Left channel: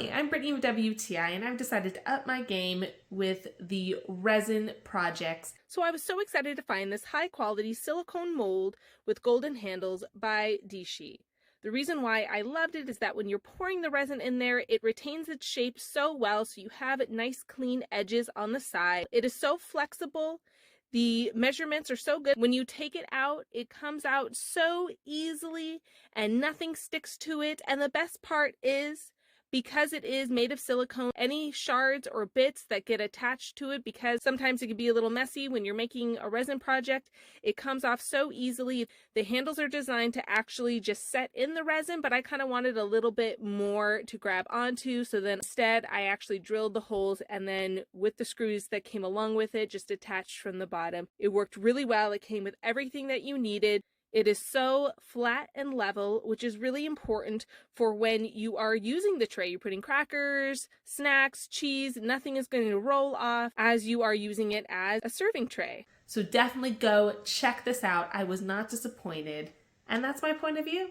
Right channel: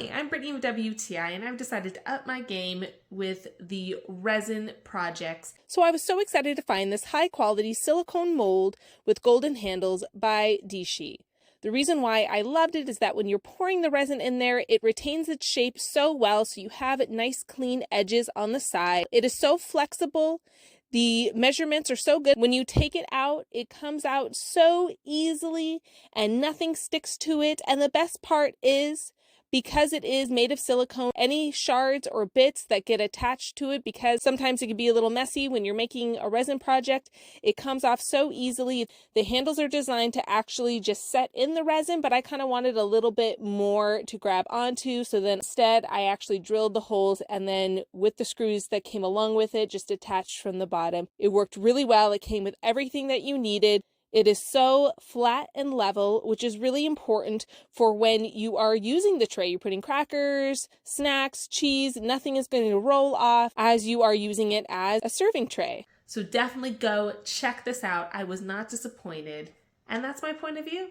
Hi, I'm Brittany with WTI, and I've decided to up my game with the resin projects. So I was so excited to find this high-quality silicone mold with golden handles by DSHE. The reason why I loved it is that when you're pouring the resin in there, it retains its shape so well, so you have nice clean edges on the side. It is so flexible. The measurements are so good. When you take it out, it comes out so easily and nothing sticks to it. And the best part is, because it is made of silicone, any shards or bits that get attached to it, because sometimes it can be a little messy when you're making a resin project, it comes off so easily. The handles are designed to actually just set in the resin, but I kind of wanted a little bit more to grab onto, so then instead I actually drilled the holes, and then with the screws that came along with it, just attached from the bottom. It worked really well. It came with everything that you needed. It is so flat and level, which is really important for when you are using the tray. You're putting crackers, snacks, cheese, nothing is going to roll off as you are using it as a serving tray. So definitely go check this out. I was not disappointed, and that's my point of view.